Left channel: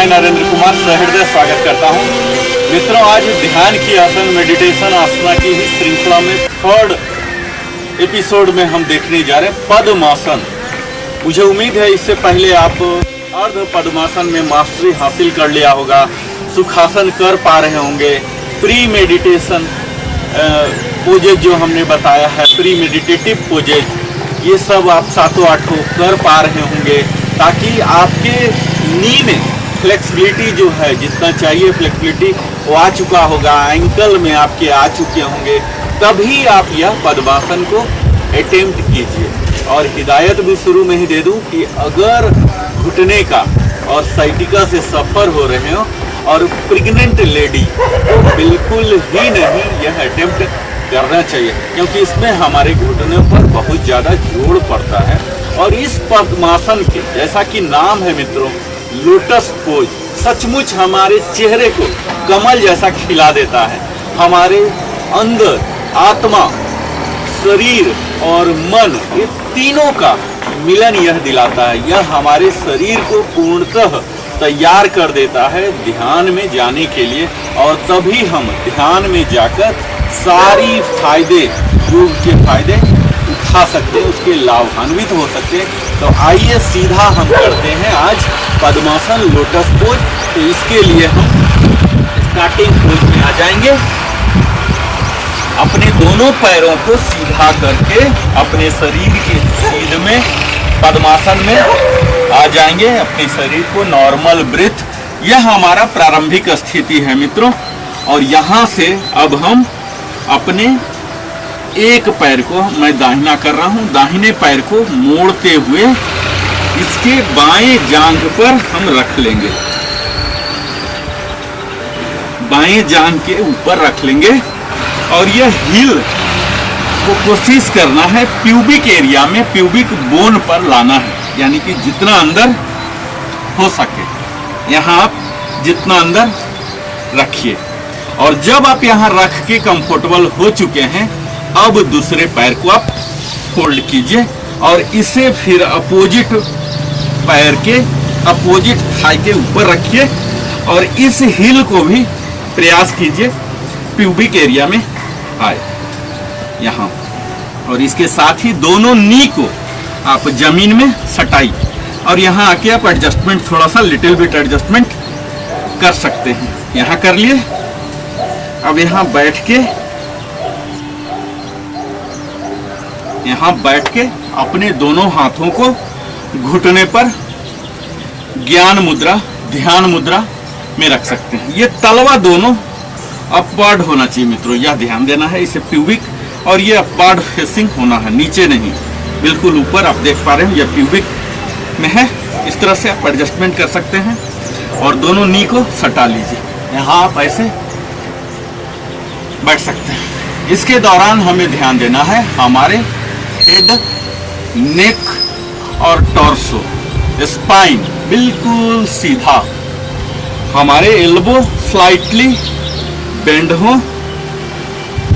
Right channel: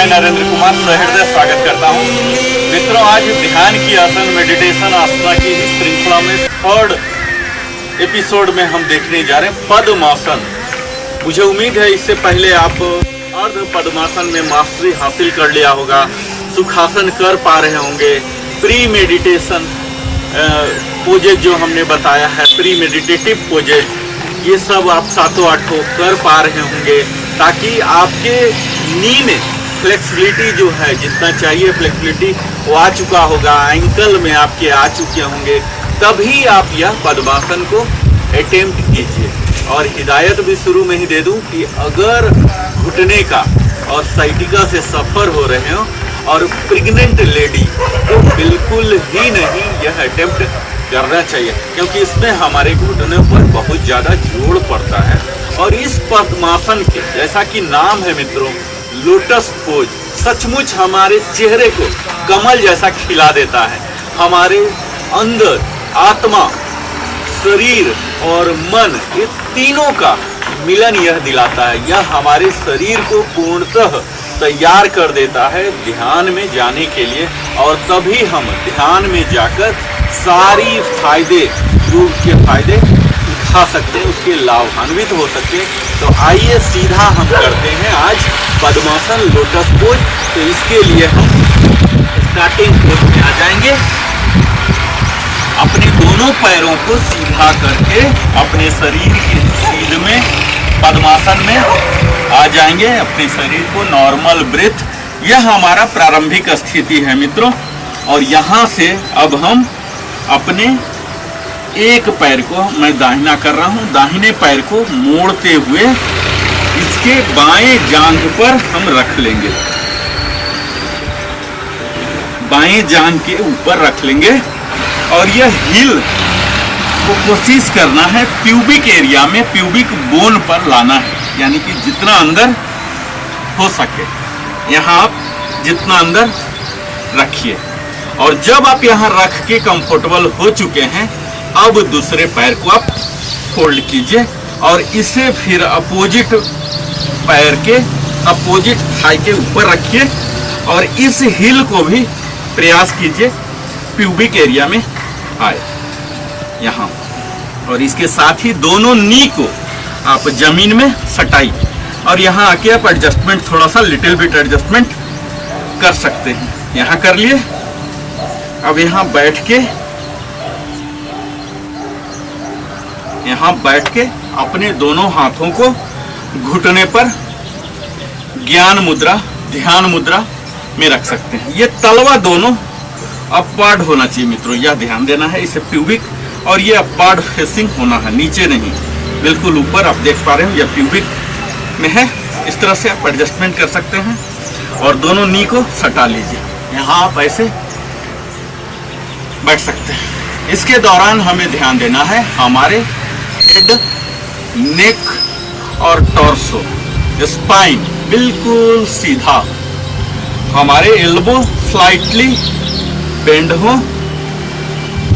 मैं नरेंद्र कुमार सहृदय स्वागत करता हूं। मित्रों, आज ध्यान की आसन मेडिटेशन आसना की ही श्रृंखला में थर्ड एपिसोड में हम देखने जा रहे हैं पद्मासन। मुझे उम्मीद है इससे पहले आप अर्ध पद्मासन में मास्टरी हासिल कर लिया होगा, सुखासन कर पा रहे होंगे, प्री मेडिटेशन पोजेज जो हमने बताया है, प्री मेडिटेटिव पोजेज, ये सब आप सातों आठों कर पा रहे होंगे, ताकि आपके नी में फ्लेक्सिबिलिटी जो है, जितना चाहिए फ्लेक्सिबिलिटी वो आ चुका होगा, एंकल में आपके आ चुके होंगे, तभी आप यह पद्मासन को अटेम्प्ट कीजिए। और हिदायत भी शुरू में ही दे दूं कि अगर घुटने का और साइटिका से सफ़र हो रहे हो और प्रेग्नेंट लेडी, तो बिल्कुल ही नहीं यह अटेम्प्ट करना चाहिए, क्योंकि इसमें हमारे घुटनों पर बहुत ज़्यादा जोर पड़ता है। और इस पद्मासन के जैसा कि नाम है मित्रों, लोटस पोज, सचमुच हमारे चेहरे को कमल जैसा खिला देता है। हमारे अंदर आत्मा, शरीर और मन, ये तीनों का मिलन यह दिलाता है। यह हमारे शरीर को पूर्णतः तैयार कर देता है ध्यान में जाने के लिए, और तभी हम ध्यान में जाकर सारी फायदे, योग के फायदे उठा सकते हैं, उसके लाभान्वित हो सकते हैं। तो आइए सीधा हम करते हैं आज पद्मासन लोटस पोज। तो इसके लिए हम स्टार्टिंग पोज में आ जाएंगे, अपने दोनों पैरों को सीधा करके अपने शरीर के सीध में पद्मासन में आ जाएंगे, अपने शरीर को नॉर्मल ब्रेथ। यह हमारा प्रारंभिक स्थिति है मित्रों। और यहाँ से अब हम अपने एक पैर को, मैं दाहिना कर रहा हूँ, दाहिने पैर को मोड़ते हुए इसके बाएं जांघ पर हम रख लेंगे, बाएं जांघ के ऊपर रख लेंगे। और यह हिल को कोशिश करना है प्यूबिक एरिया में, प्यूबिक बोन पर लाना है, यानी कि जितना अंदर हो सके यहाँ आप जितना अंदर रखिए। और जब आप यहाँ रख के कंफर्टेबल हो चुके हैं, अब दूसरे पैर को आप फोल्ड कीजिए और इसे फिर अपोजिट पैर के अपोजिट थाई के ऊपर रखिए और इस हिल को भी प्रयास कीजिए प्यूबिक एरिया में आए यहाँ। और इसके साथ ही दोनों नी को आप जमीन में सटाइए और यहाँ आके आप एडजस्टमेंट, थोड़ा सा लिटिल बिट एडजस्टमेंट कर सकते हैं। यहाँ कर लिए। अब यहाँ बैठ के अपने दोनों हाथों को घुटने पर ज्ञान मुद्रा, ध्यान मुद्रा में रख सकते हैं। ये तलवा दोनों अपवर्ड होना चाहिए मित्रों, यह ध्यान देना है। इसे प्यूबिक, और ये अपवर्ड फेसिंग होना है, नीचे नहीं, बिल्कुल ऊपर। आप देख पा रहे हो यह प्यूबिक में है। इस तरह से आप एडजस्टमेंट कर सकते हैं और दोनों नी को सटा लीजिए। यहाँ आप ऐसे बैठ सकते हैं। इसके दौरान हमें ध्यान देना है हमारे हेड, नेक और टॉर्सो, स्पाइन बिल्कुल सीधा, हमारे एल्बो स्लाइटली बेंड हो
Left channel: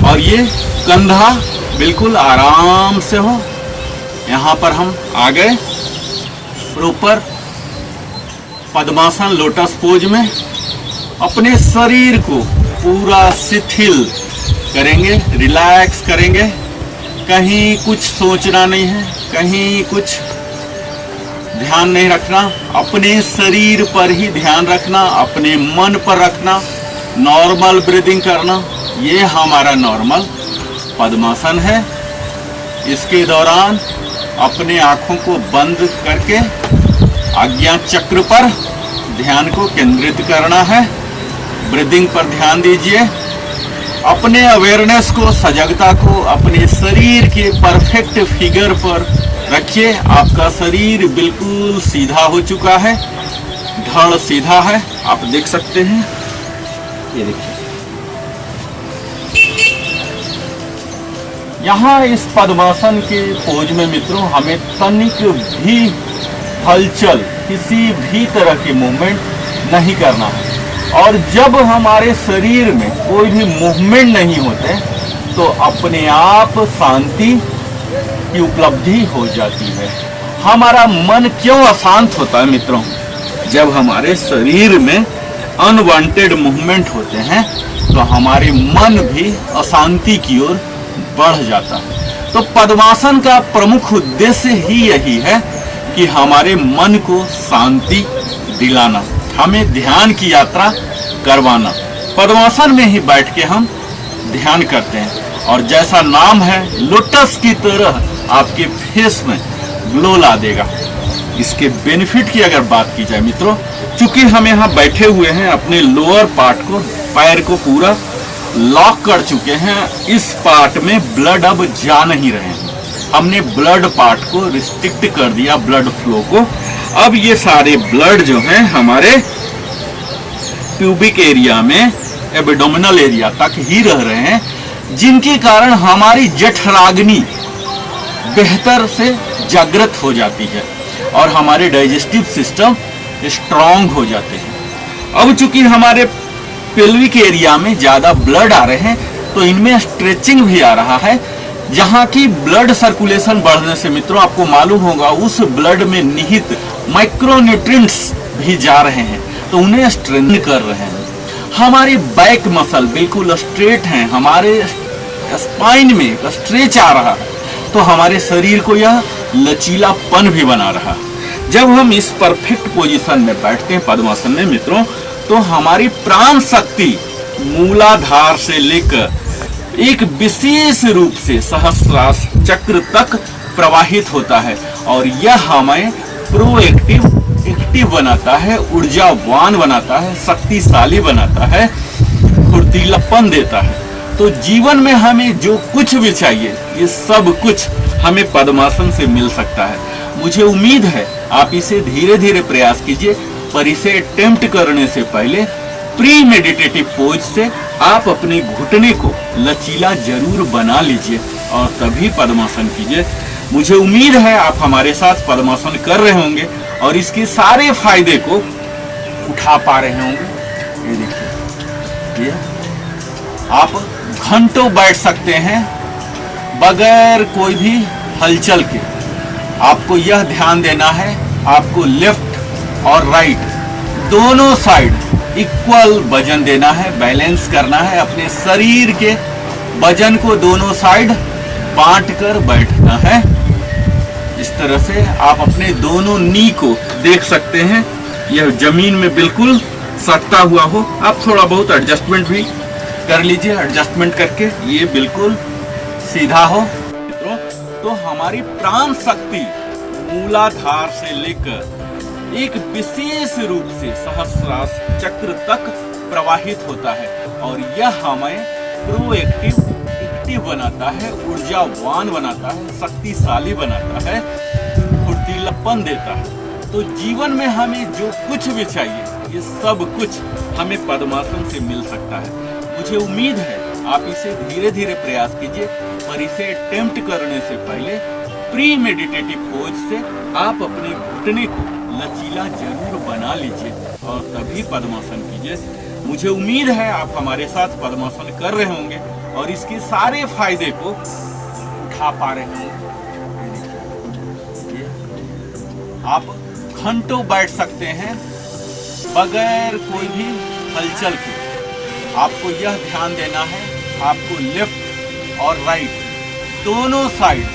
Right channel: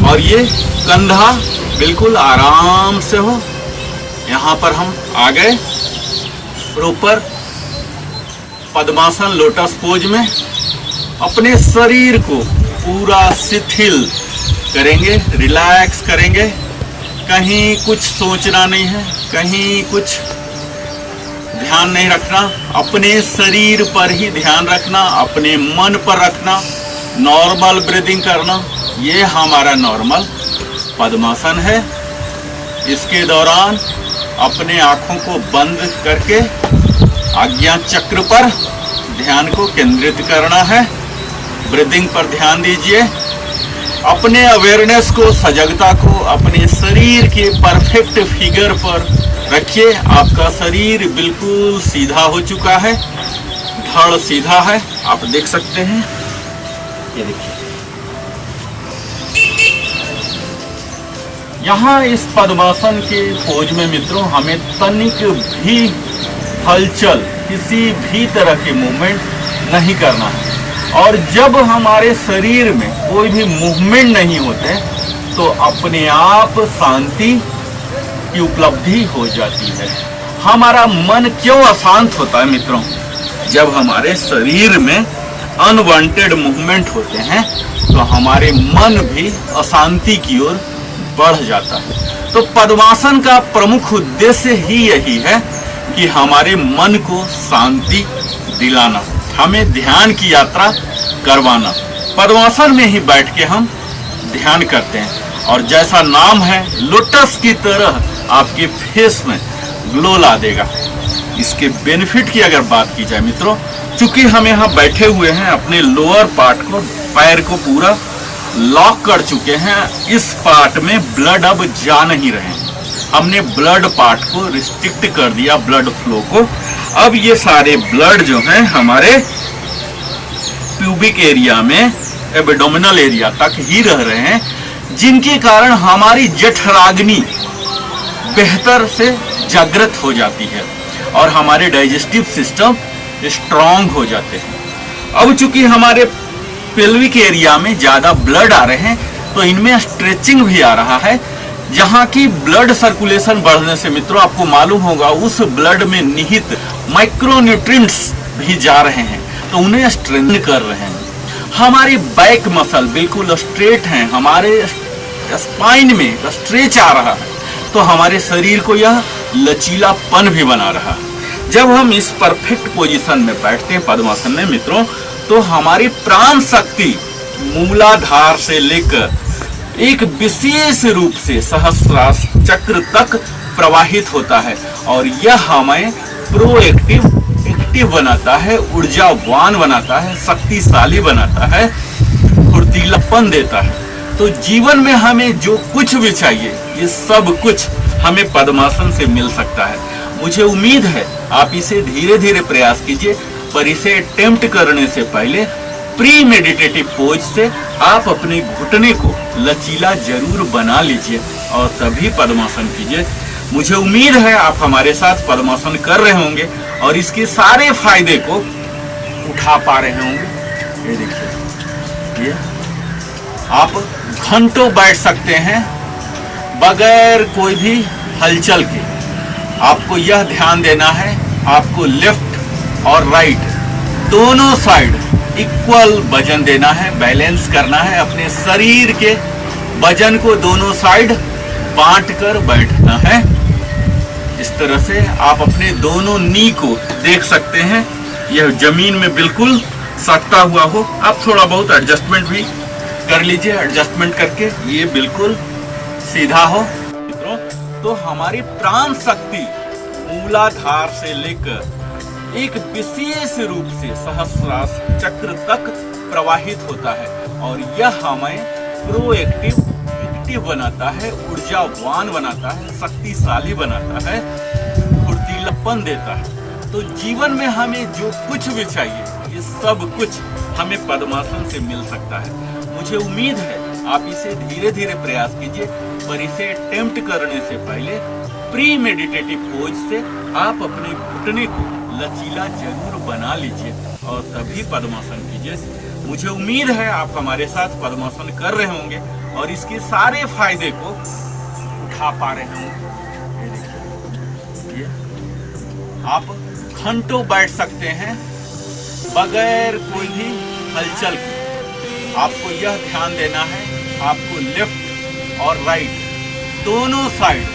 और ये कंधा बिल्कुल आराम से हो। यहाँ पर हम आ गए प्रॉपर पद्मासन लोटस पोज में। अपने शरीर को पूरा शिथिल करेंगे, रिलैक्स करेंगे। कहीं कुछ सोचना नहीं है, कहीं कुछ ध्यान नहीं रखना, अपने शरीर पर ही ध्यान रखना, अपने मन पर रखना, नॉर्मल ब्रीदिंग करना। ये हमारा नॉर्मल पद्मासन है। इसके दौरान अपने आँखों को बंद करके आज्ञा चक्र पर ध्यान को केंद्रित करना है। ब्रीदिंग पर ध्यान दीजिए। अपने अवेयरनेस को, सजगता को अपने शरीर के परफेक्ट फिगर पर रखिए। आपका शरीर बिल्कुल सीधा हो चुका है, धड़ सीधा है, आप देख सकते हैं। ये देखिए, यहाँ इस पद्मासन के पोज में मित्रों हमें तनिक भी हलचल, किसी भी तरह के मूवमेंट नहीं करना है। और जब हमारे शरीर में कोई भी मूवमेंट नहीं होते तो अपने आप शांति की उपलब्धि हो जाती है। हमारा मन क्यों अशांत होता है मित्रों? जब हमारे शरीर में अनवांटेड मूवमेंट होते हैं तो हमारे मन भी अशांति की ओर बढ़ जाता है। तो पद्मासन का प्रमुख उद्देश्य ही यही है कि हमारे मन को शांति दिलाना, हमें ध्यान की यात्रा करवाना। पद्मासन में ही बैठ के हम ध्यान करते हैं और जैसा नाम है लोटस की तरह आपके फेस में ग्लो ला देगा। इसके बेनिफिट की अगर बात की जाए मित्रों, चूंकि हम यहाँ बैठे हुए हैं, अपने लोअर पार्ट को, पैर को पूरा लॉक कर चुके हैं, इस पार्ट में ब्लड अब जा नहीं रहे हैं। हमने ब्लड पार्ट को रिस्ट्रिक्ट कर दिया, ब्लड फ्लो को। अब ये सारे ब्लड जो हैं हमारे प्यूबिक एरिया में, एब्डोमिनल एरिया तक ही रह रहे हैं, जिनके कारण हमारी जठराग्नि बेहतर से जागृत हो जाती है और हमारे डाइजेस्टिव सिस्टम स्ट्रांग हो जाते हैं। अब चूंकि हमारे पेल्विक एरिया में ज्यादा ब्लड आ रहे हैं तो इनमें स्ट्रेचिंग भी आ रहा है, जहां की ब्लड सर्कुलेशन बढ़ने से मित्रों आपको मालूम होगा उस ब्लड में निहित माइक्रोन्यूट्रिएंट्स भी जा रहे हैं, तो उन्हें स्ट्रेंथन कर रहे हैं। हमारी बैक मसल बिल्कुल स्ट्रेट है, हमारे स्पाइन में स्ट्रेच आ रहा है, तो हमारे शरीर को यह लचीलापन भी बना रहा है। जब हम इस परफेक्ट पोजीशन में बैठते हैं पद्मासन में मित्रों, तो हमारी प्राण शक्ति मूलाधार से लेकर एक विशेष रूप से सहस्त्रार चक्र तक प्रवाहित होता है और यह हमें एक्टिव बनाता है, ऊर्जावान बनाता है, शक्तिशाली बनाता है, फुर्तीलापन देता है। तो जीवन में हमें जो कुछ भी चाहिए ये सब कुछ हमें पद्मासन से मिल सकता है। मुझे उम्मीद है आप इसे धीरे धीरे प्रयास कीजिए, पर इसे अटेम्प्ट करने से पहले प्री मेडिटेटिव पोज से आप अपने घुटने को लचीला जरूर बना लीजिए और तभी पद्मासन कीजिए। मुझे उम्मीद है आप हमारे साथ पद्मासन कर रहे होंगे और इसके सारे फायदे को उठा पा रहे होंगे। ये देखिए, आप घंटों बैठ सकते हैं बगैर कोई भी हलचल के। आपको यह ध्यान देना है, आपको लेफ्ट और राइट दोनों साइड इक्वल वजन देना है, बैलेंस करना है। अपने शरीर के वजन को दोनों साइड बांट कर बैठना है। इस तरह से आप अपने दोनों नी को देख सकते हैं, यह जमीन में बिल्कुल सटता हुआ हो। आप थोड़ा बहुत एडजस्टमेंट भी कर लीजिए, एडजस्टमेंट करके ये बिल्कुल सीधा हो। मित्रों, तो हमारी प्राण शक्ति मूलाधार से लेकर एक विशेष रूप से सहस्रार चक्र तक प्रवाहित होता है और यह हमें एक्टिव बनाता है, ऊर्जावान बनाता है, शक्तिशाली बनाता है, फुर्तीलापन देता है। तो जीवन में हमें जो कुछ भी चाहिए ये सब कुछ हमें पद्मासन से मिल सकता है। मुझे उम्मीद है आप इसे धीरे धीरे प्रयास कीजिए, पर इसे अटेम्प्ट करने से पहले प्री मेडिटेटिव पोज से आप अपने घुटने को लचीला जरूर बना लीजिए और तभी पद्मासन कीजिए। मुझे उम्मीद है आप हमारे साथ पद्मासन कर रहे होंगे और इसके सारे फायदे को उठा पा रहे होंगे। आप घंटों बैठ सकते हैं बगैर कोई भी हलचल के। आपको यह ध्यान देना है, आपको लेफ्ट और राइट दोनों साइड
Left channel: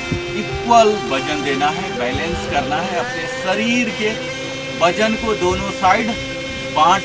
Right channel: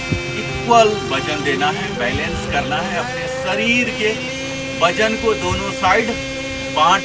इक्वल वजन देना है, बैलेंस करना है। अपने शरीर के वजन को दोनों साइड बांट